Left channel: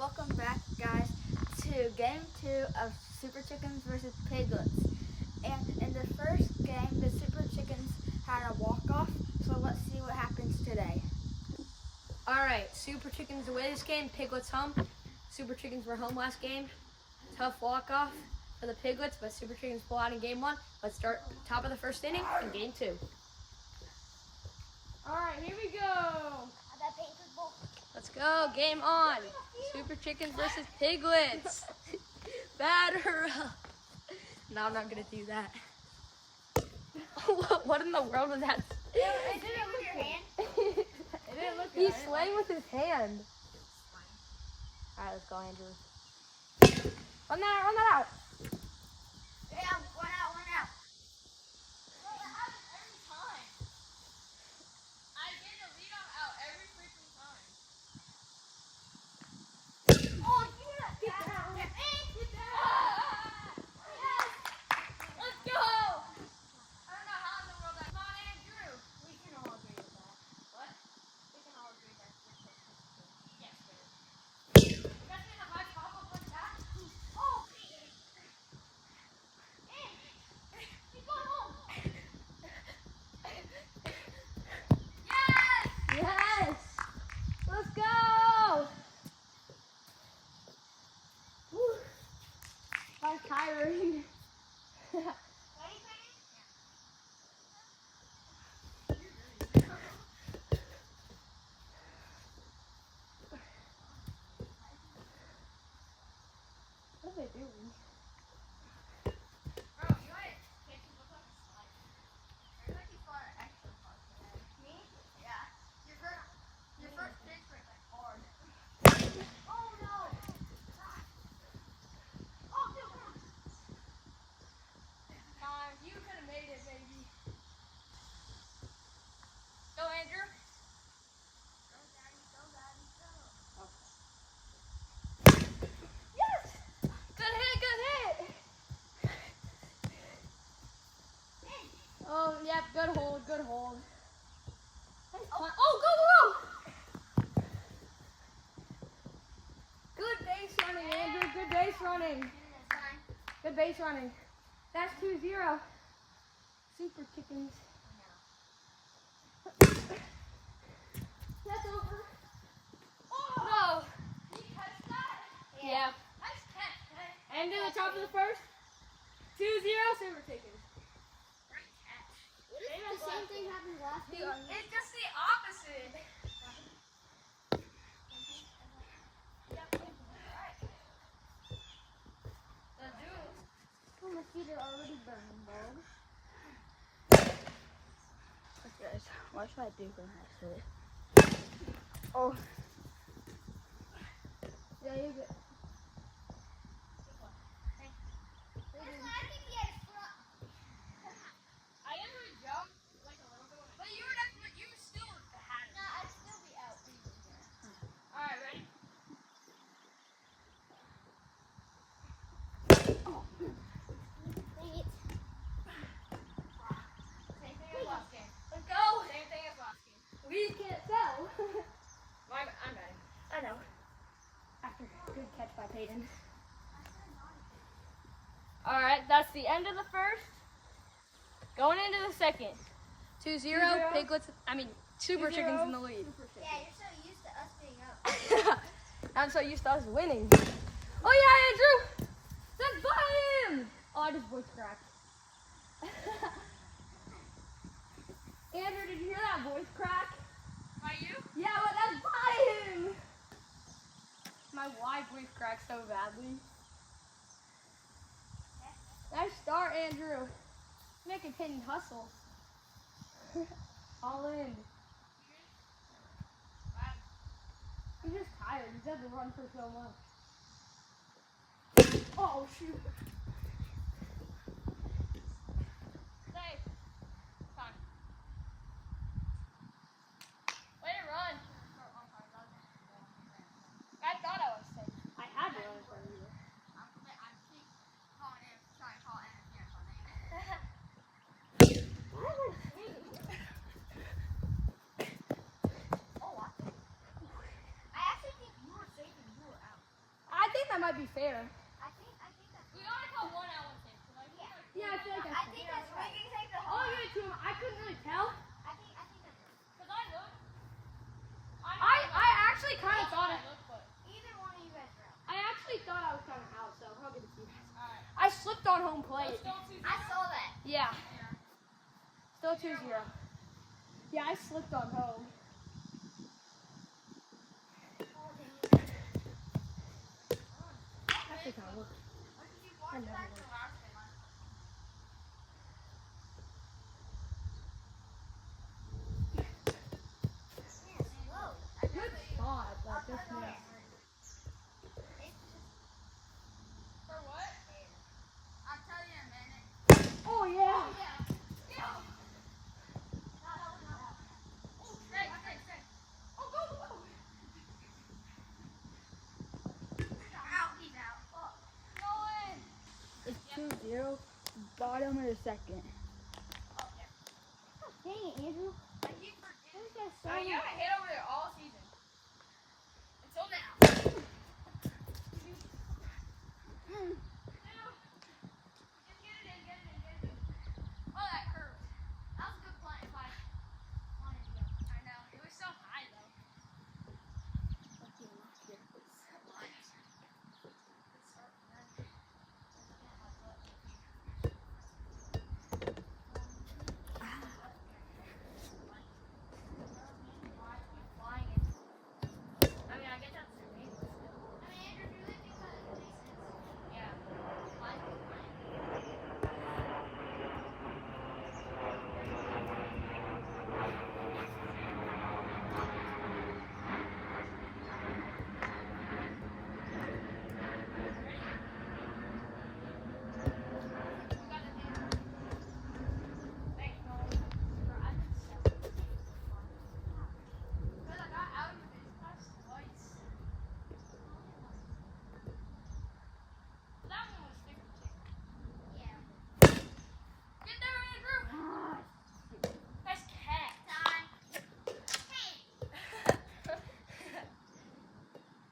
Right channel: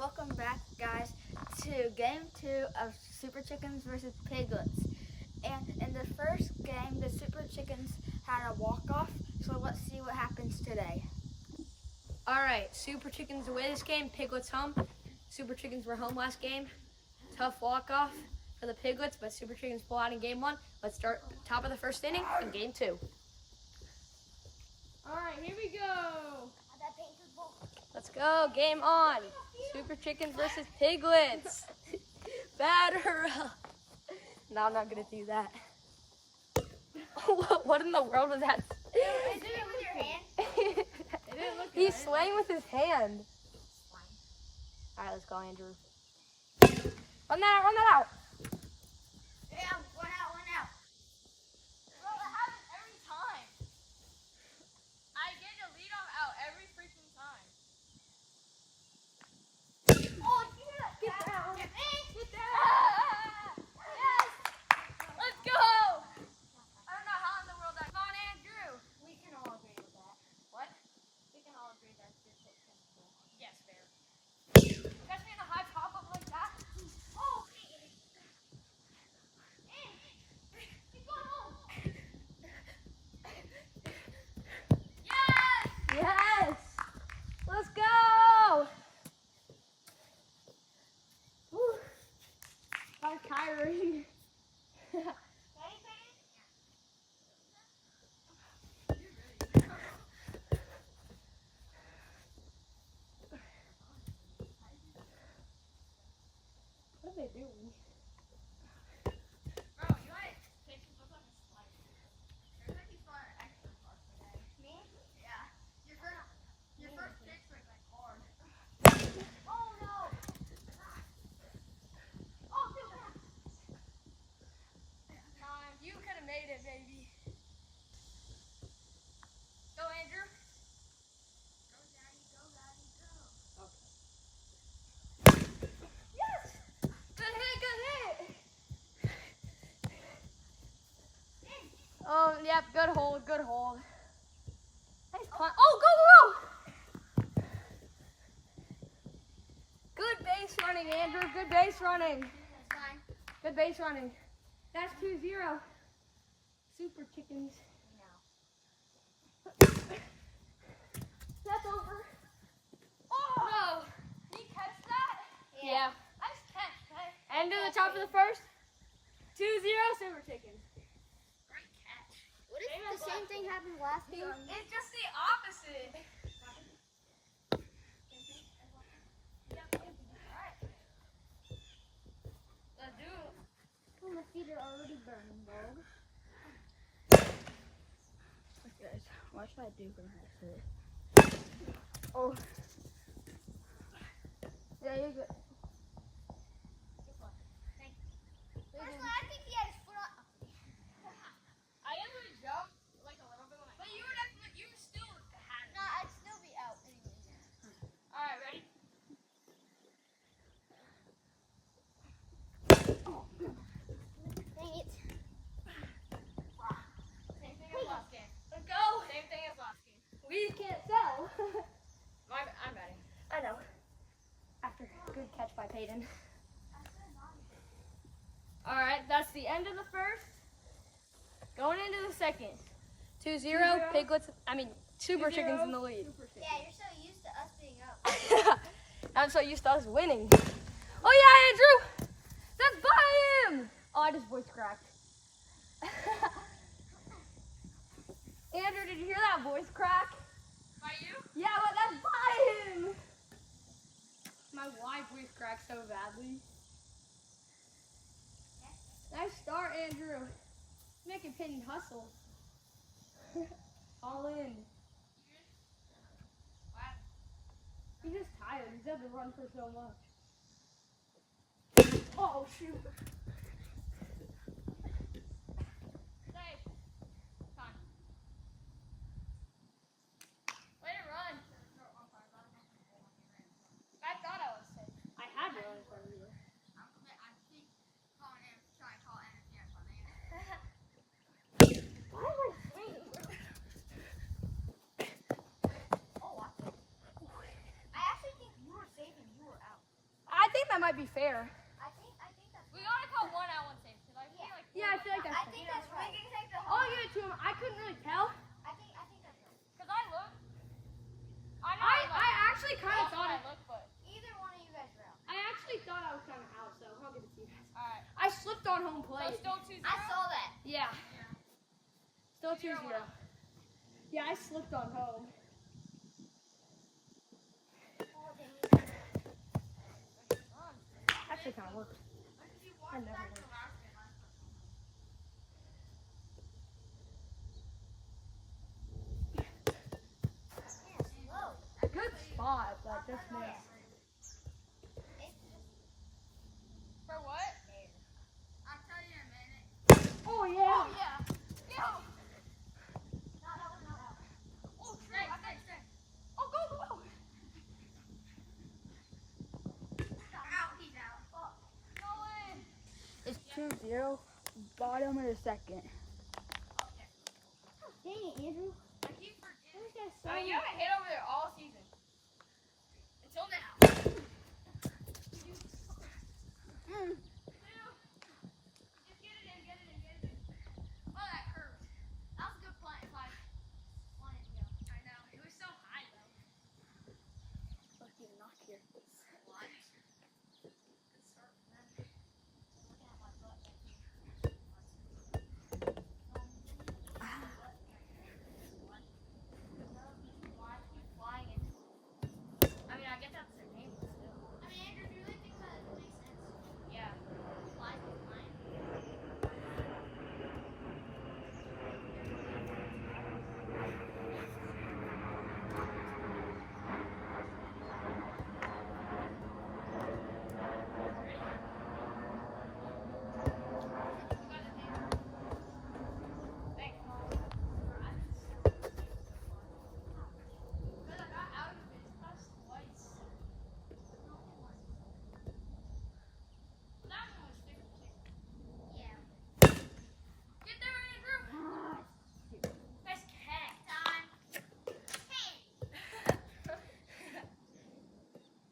welcome back, guys, to game 2 of Super Chickens versus Piglets. And in the first game, the Super Chickens had a walk-off, so let's see what happens today. Alright, Super Chickens away this game, Piglets home. Super Chickens were home last game. Tough walk-off for the Piglets, but Super Chickens pull out in game 1. Let's start top of the first inning in game 2. Alright, here we go. Let's go, game on. Super Chickens versus Piglets. Batter up. No, I'm not going to do that. What in the world was that? It didn't with your hand. It didn't look good. He's swaying with his hand. Alright, let's go, Andrew. Run that out. Yeah, one out. Bro, that happens every time. I get your lead on out every freaking time. Oh, yeah. Get down. Get Yes! Let's go! I don't know how in the world that. Come on, Andrew. We can all agree with that. What? We can all agree that's good technical. Yes, baby. Catch me in a high pop-up like that. Oh, He's going home. Yes! Yes! Let's go! Woo. That was tiring. What are they doing? Bro, you like pitches look like a slider. You're like you fought an extra part today. Me? Yeah. Your first pitch went like hard. Oh, no. Oh, dude, come on. You could have made it, baby. Go, Andrew. Go, Daddy, go. Yes! Good hit! Oh, yeah, good hold. Nice punt. Oh, go! Good base running, Andrew. Good base running. That's fine. Good base running. That's 2-0. Super Chickens. That's over. Oh! No. Did you catch that? Yeah. Nice catch, hey. End of the top of the first. 2-0 Super Chickens. Great catch. The same thing happened last week. It's just the opposite. Let's do it. Oh, my feet are already burning, dog. Guys, what should I do for next? Oh. Yeah, you're good. I think he had his foot up. I am going to jump like a little bit when but you still had it. No, I'd still be out. Alright, ready? Oh. Dang it. Same thing as last game. Let's go. Same thing as last game. We can't sell. I'm betting. I know. After good catch by Peyton. Alright, that's the end of the first. Going into the second. 2-0, 2-0. Piglets, Super 2-0. Chickens in the lead. Yeah, you're so used to us being up. I'm so used to us winning. Oh yeah, Andrew! That's by him! Oh, I just voice cracked. Andrew, did you hear that voice crack? By you? Yeah, but that's by him! My wide voice cracked so badly. Nice start, Andrew. Make a Peyton hustle. All in. He's just tired. He's had to run for so much. Oh, shoot. Safe. Fine. Way to run. I thought I was safe. I had to run in front of you. I'm calling in, trying to call interference on it. Why am I swinging? Oh, I actually think you were safe and you were out. think that might be fair. I think that's. We gotta call one out, one safe. Yeah. Yeah, I feel like that's I think that's right. We can take the I'll whole. give it to him. I couldn't really tell. I think that's right. Cause I looked. I actually kind of thought it. Either one of you guys are out. I actually thought I was kind of out, so I'll give it to you guys. Alright. I slipped on home plate. I saw that. Yeah. Still 2-0. Yeah, I slipped on home. Actually kind of worked. I never worked. Good spot, but just missed. For what? I'll tell you in a minute. Oh, yeah. Yeah. No. Oh, straight. Oh, go. He's out. It's 2-0. Bottom of the second. Dang it, Andrew. You haven't hit over there all season. Until now. Just get it in. Oh, that hurts. That was a good play if I wanted to go. I know. It was so high, though. Lucky knock here. Good start, man. I'm looking at my butt right here. Why keep flying in? I mean, I guess that's their name, but still. I mean, Andrew, do you really think that it makes sense? Yeah. Why keep flying? Thanks, Nolan. I've been so far. Because I got out of the bench press twice. That one was 50. Yeah. Get there, Andrew! That's cat. Time. Hey!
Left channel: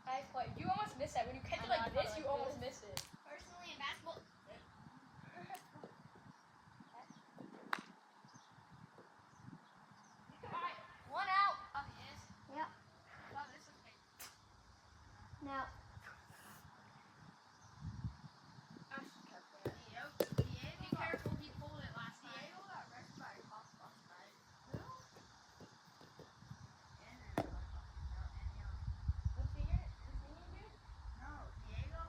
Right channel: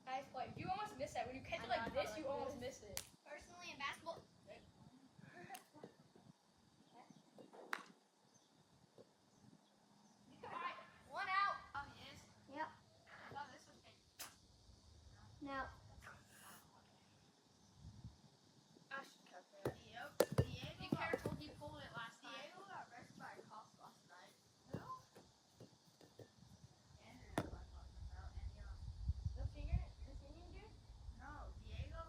Nice play. You almost missed that. When you catch it like this, you almost miss it. Personally, in basketball. One out. Yes. Yep. Oh, this was big. Now, I should cut that. Be careful, he pulled it last night. Diego got arrested by a cop last night. Who? Andrew got arrested about Antioch. The singing dude? No, Diego.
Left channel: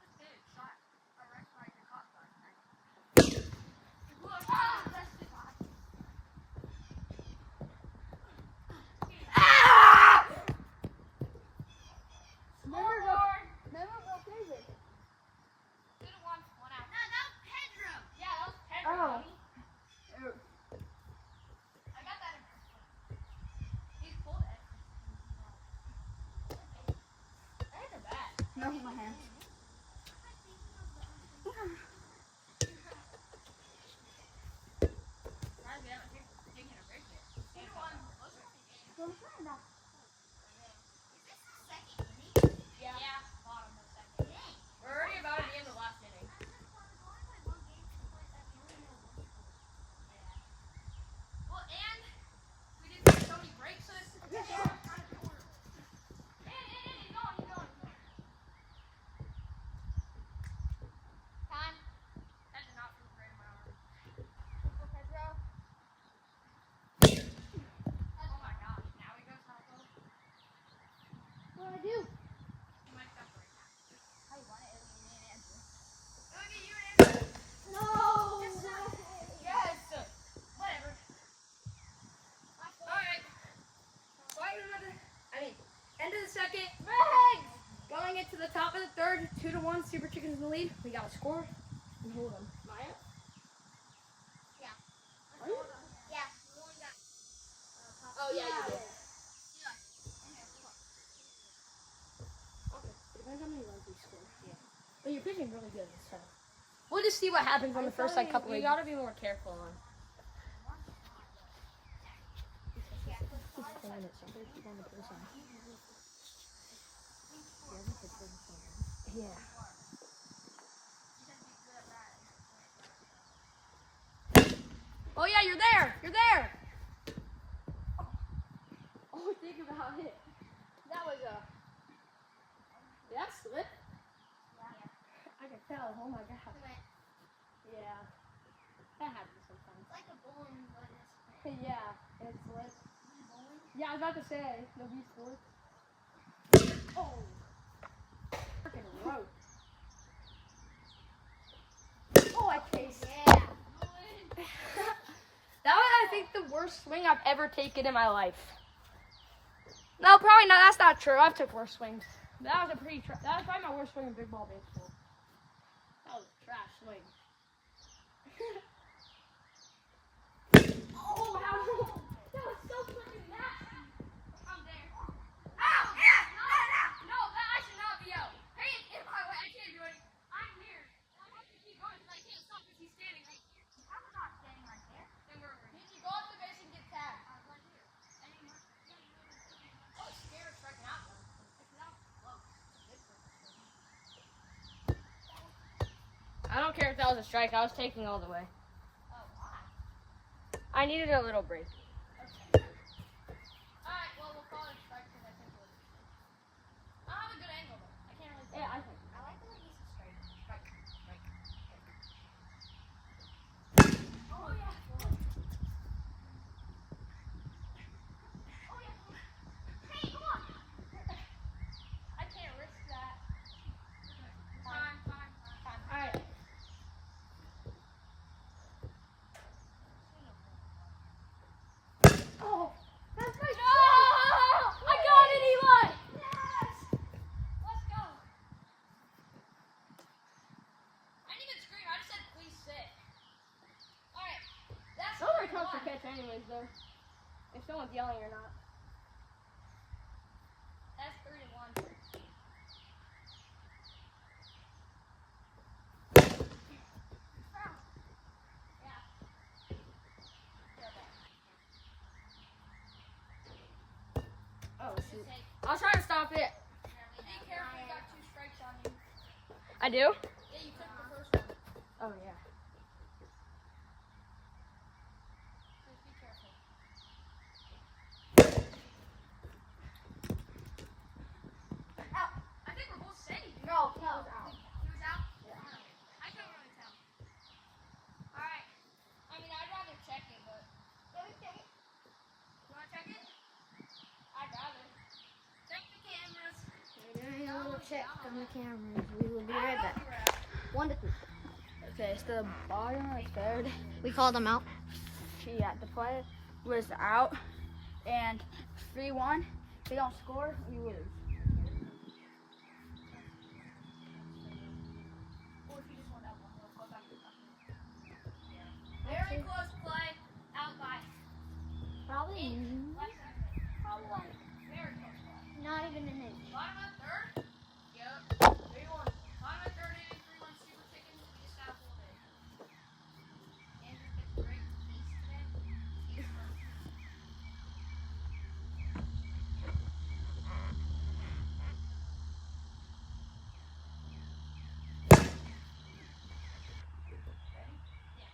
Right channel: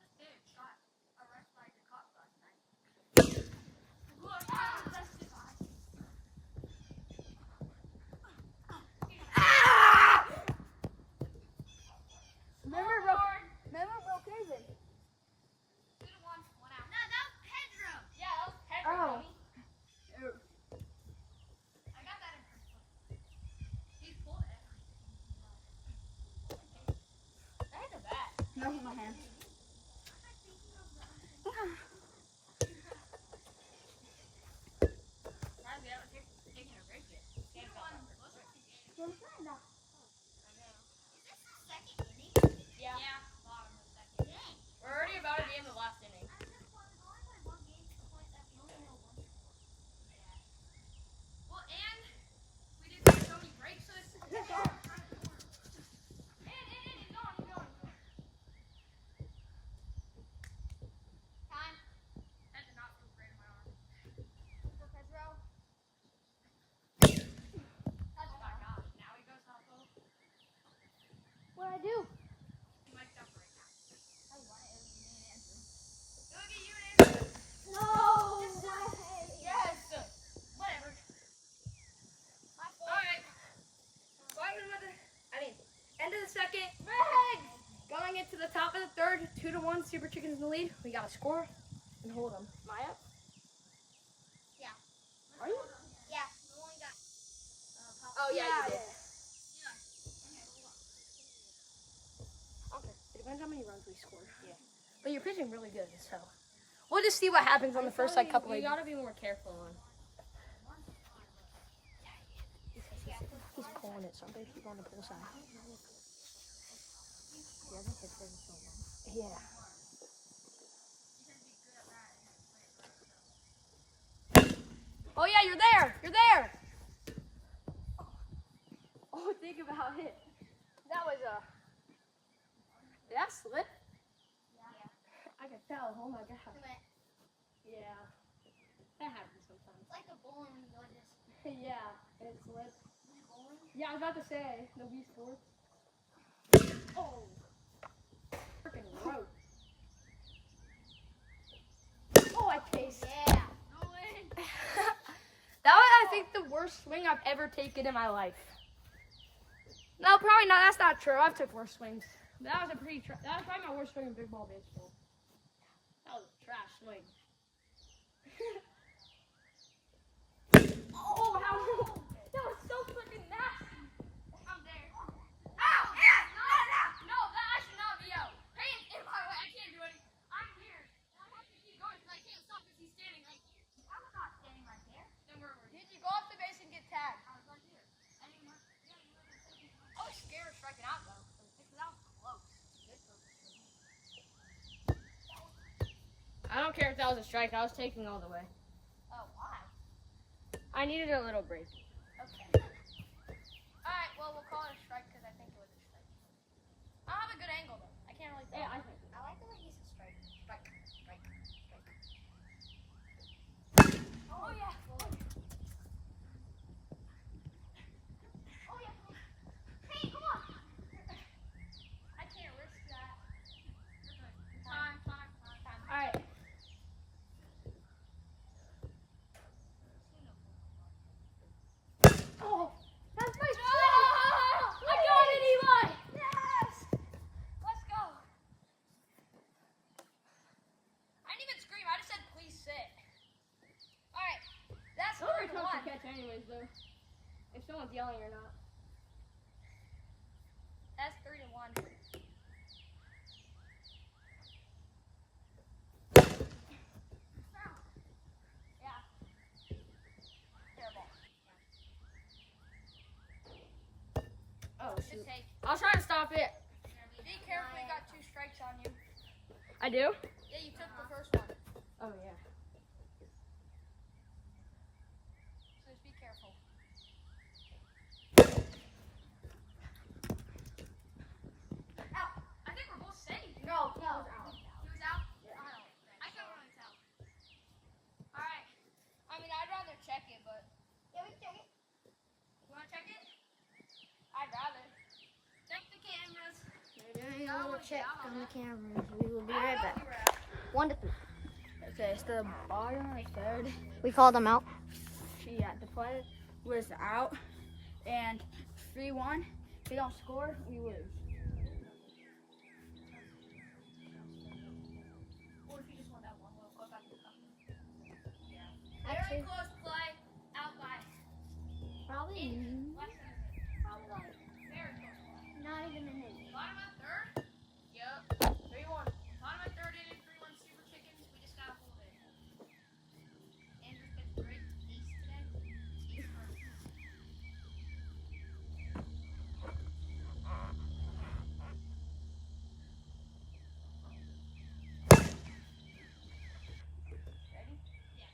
This dude got arrested by the cop last night. Look, testify. remember David? Could've won one out. No, that was Pedro. Yeah, that was Pedro. Oh. dummy. I got that in first one. He pulled it. I had the bat. No, my hand. Taking a break yet. Well, I'm trying that. Is this the second inning? Yeah. Bottom of the second. Dang. We're already about to be in the last inning. I just wanted to only play one game to the point that we only know one score. Yeah. Well, and we didn't take so many breaks, so this is the short time quarter. And he's going. Time. That's a not for the great amount. For Pedro. Oh my gosh, now he goes half over. What do I do? He might stop right now. How you want it? Me and Andrew. Look at you, Andrew. No! Yes. Whatever. My fault. Alright. End of the second. Going into the top of the third, 2-1, Super Chickens in the lead. We got to score and hold them. Maya? Are you? Yeah, the one got. Oh, yeah, you did. Yeah. Okay. It depends how many runs we score. Yeah. But you're pitching really good, so. We'll just see what happens in the first like couple of You gotta be more careful on. He's pulling it, so I'm gonna keep on the pull sign. He hasn't hit very far. Yeah. Oh yeah, you're there. You're there. Oh, think about it. That was a. Did that slip? Yeah. I can tell. Oh my god. It went Yeah. That happens sometimes. like a bowling ball just Yeah. And it slipped. bowling. Yeah, I was about to say. No Wii Sports. Oh. Freaking rope. Oh, I tasted. Yeah. That was, I think, the worst swing I've ever taken in my life. No, probably not. That's not true. I've took worse swings. That was a pretty. That was probably my worst swing in big ball baseball. That was a trash swing. Oh, how? That was so freaking nasty. I'm there. Ow! No, that I should not be out. Hey, it's in my way. I can't do anything. I'm here. And I have to keep going because I can't stop because he's standing right here. I was not standing right there. Then where were you? Did you go off the base and get tagged? I was right here. I mean, yeah, you would have been taking it. I was scared of striking out though. Because I was close. Good purpose for me. I don't care if that was a strike. I was taking all the way. Oh, why? I needed a little break. Okay. Alright, well, we'll call it a strike because I think it was a strike. I don't have a good angle though. I can't really. Yeah, I think. I like the way he's a strike. Strike. Strike. Strike. Oh, yeah. Boy. Oh, yeah. Hey, come on. I can't risk that. Time. Alright. Oh, that's my strike! I got it, Eli! Yes. Let's go. I didn't even scream. I just said, please sit. Alright. That's Those are 3-1. tough to catch anyways, though. If someone's yelling or not. That's 3-1. Yeah. Oh, Just shoot. take. I was trying to stop it. Be careful, you got 2 strikes on you. I do? Yeah, you took the first one. Oh, yeah. So just be careful. Ow! I think we're both safe. No, he No. was out. He was out? Yeah. I couldn't really tell. Alright. I mean, I'd rather check it, but. Yeah, we can take it. You want to check it? I'd rather. Check the cameras. We're doing a little check on the cameras. We will be right back. 1 to 3. Okay, it's the bottom or third. We called them out. Yeah, the player was out. And 3-1. If they don't score, we lose. Or if you just want that one, we'll go back to the customer. Yeah. Very close play. Out by. Probably. Less than an inch. Very close play. Not even an inch. Bottom of third. Yep. 3-1. Bottom of third inning, 3-1 Super Chickens. We just gotta hold it. Andrew pitched great piece today. He's first. Ready? Yeah.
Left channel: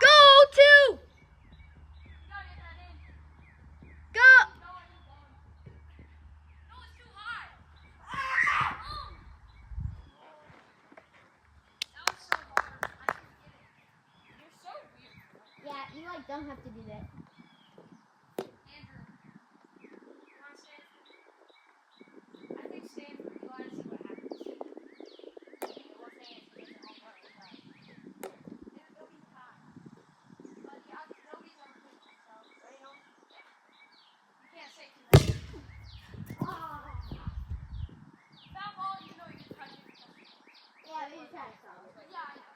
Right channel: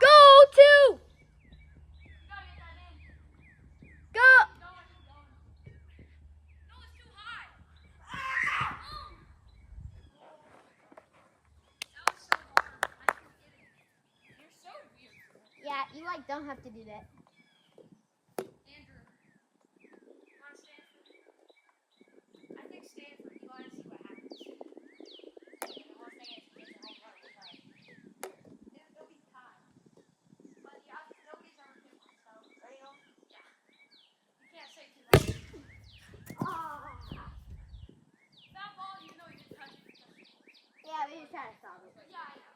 Go, 2! You gotta get that in. Go! Keep going, keep going. No, it's too high. Oh! That was so hard. I couldn't get it. You're so weird. Yeah, you like don't have to do that. Andrew, you want Stanford? I think Stanford. You gotta see what happens. The worst thing is he gets a home run. We'll try. It'll be high. But yeah, nobody's ever pitched it, so there you go. Yeah. You can't say too much. Foul ball, even though you didn't touch it. Yeah, we just had to solve it. Yeah, I know.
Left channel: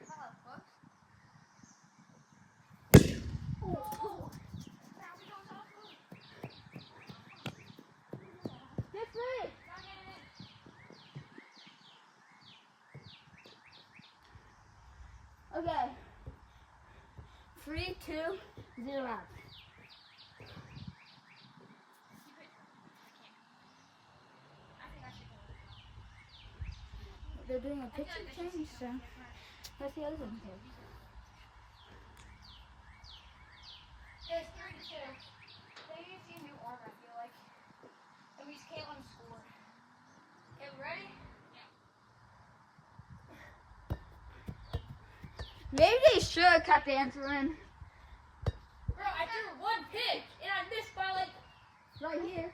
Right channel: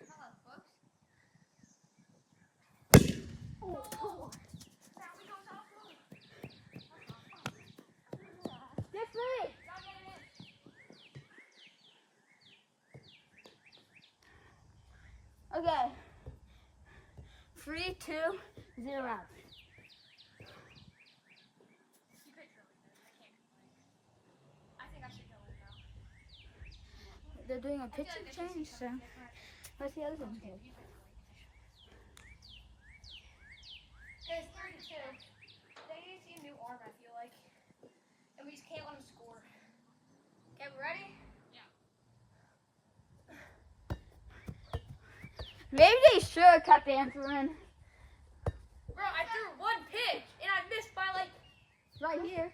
I thought it was. Close. Oh, Now we go out blue. Get free! Gotta get it in. Okay. 3-2. 0 out. You picture. I can't. I think I should go now. They're doing a pitching change, so let's see how this one goes. It's 3-2. They need to see a new arm, I feel like. And we just can't let them score. Okay, we ready? Maybe they should cut the answer in. Bro, I threw one pitch and I missed by like. Right here.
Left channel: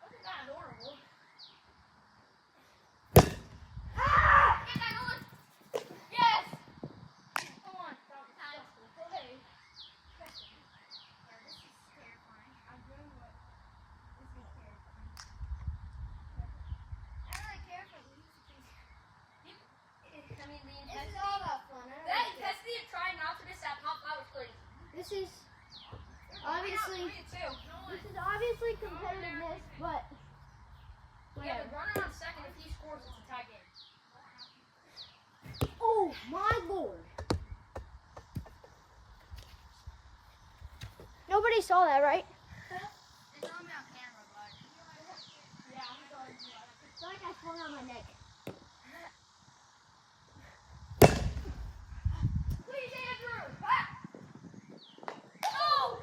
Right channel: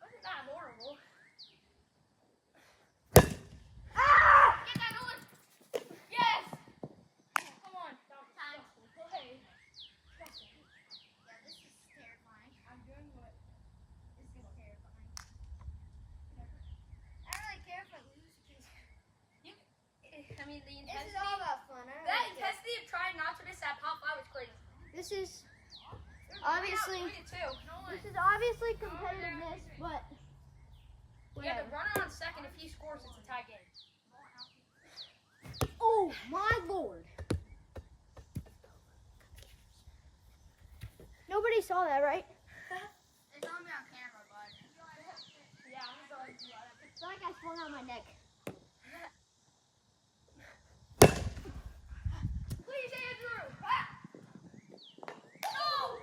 That's not horrible. Ah! Get that on. Yes! Come on. That was Time. disgusting. Play. Disgusting. Yeah, this is terrifying. I'm doing what? This is terrifying. I don't really care if I lose because I mean the This is intensity. all about fun. That intensity of trying not to miss that pop fly was crazy. This is Obviously. obviously this is obviously competitiveness, but We have whatever. the runner on second. If he scores, it's a tie game. Oh my lord! Nobody saw that, right? It's on me on camera, bud. Yeah, I'm sorry. It's like I swung on my neck. Please, Andrew! Ah! Oh!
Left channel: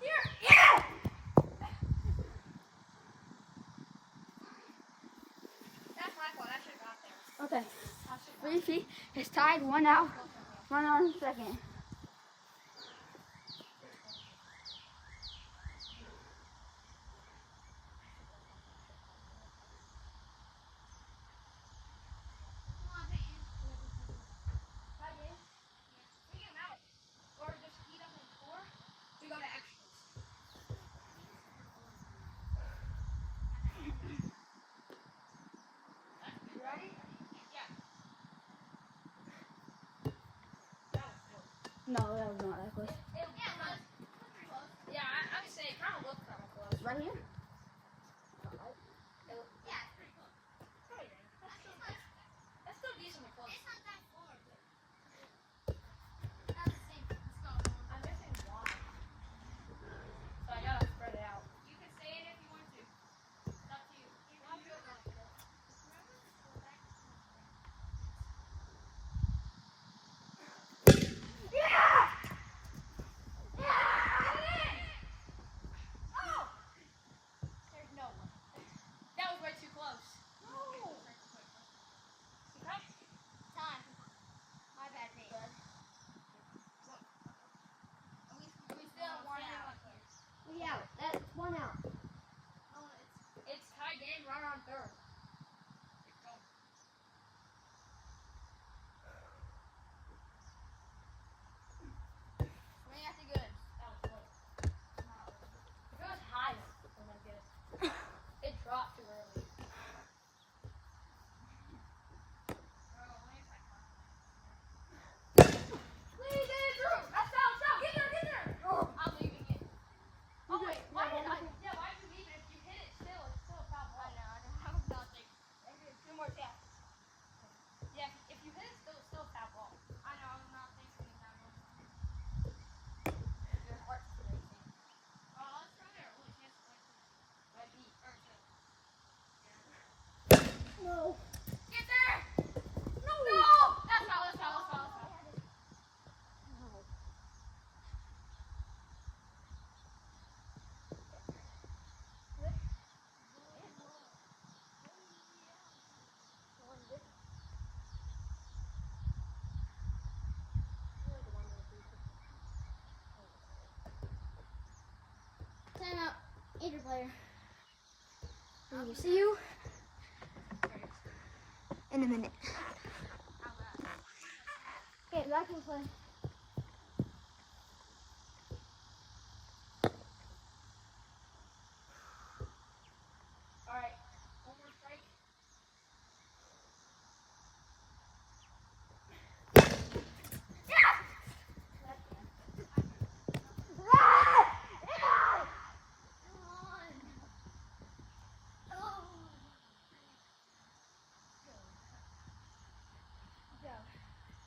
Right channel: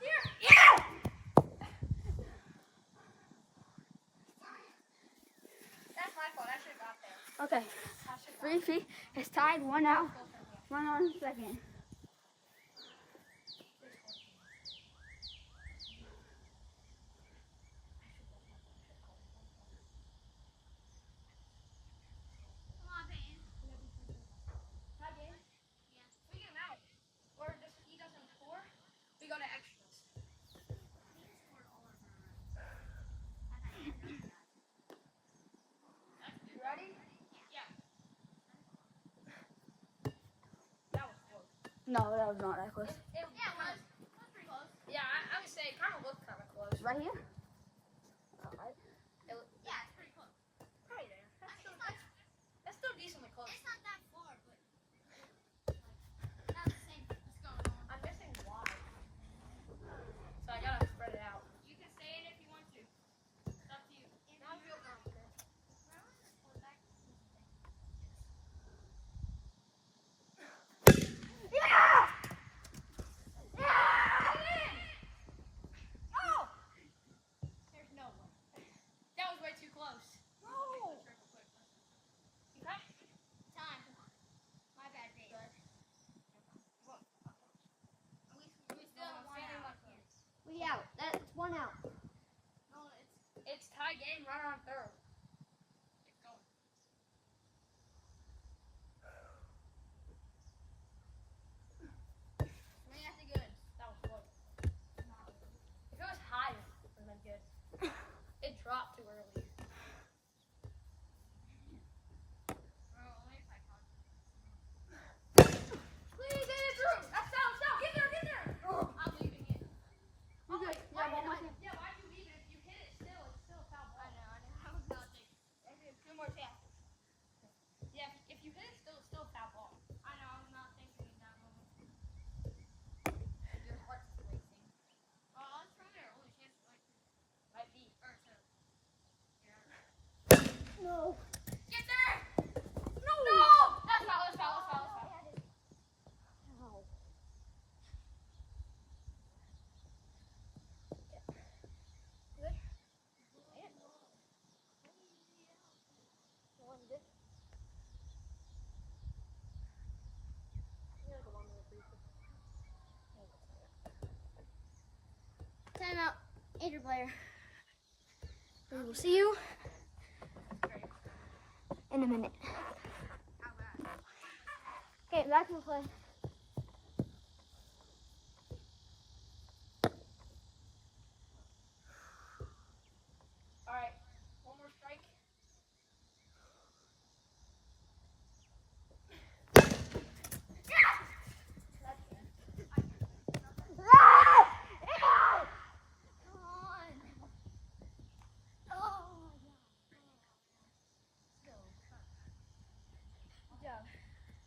Here! Yeah! That's my fault. I should have got there. Okay, I should have 3 feet. It's tied. 1 out. 1 on second. Come on, Peyton. Tie game? Yeah. We get him out. Or if he doesn't score, we go to extras. You ready? Yeah. That was close. No, that was not that close. Yeah, it was. It was pretty close. Yeah, I would say it kind of looked kind of close. Right here? Yeah, it's pretty close. Right there. That's still decently close. It's not that far, but that's the same thing that's going on. I'm missing why. So I gotta spread it out. You can say it if you want to. It's up to you. I feel confident. Yeah! There's no way. That was way too close. Okay. Time. My bad, Peyton. We still have one out. We out. That's 1 out. No, It's tie game, runner on third. it's going. Swing at the goods. That was close. If it was high, it would have been good. It dropped too early. Please get it through. That's foul. Stop. Get there. Get there. I'm leaving it. You good? Yeah, one more thing. Yeah, why are you leaving? If you hit it still, it's still a foul ball. I was not thinking. Two more passes. Yeah, if you hit it still, it's still a foul ball. I know, I was not thinking in that moment. Your heart's racing. Oh, it's from there. Only chance to like Might be. or to. No. Get there! No! That's foul, that's foul, that's foul, that's foul. Time out. Either player. We will see you in a minute. Okay, back to the play.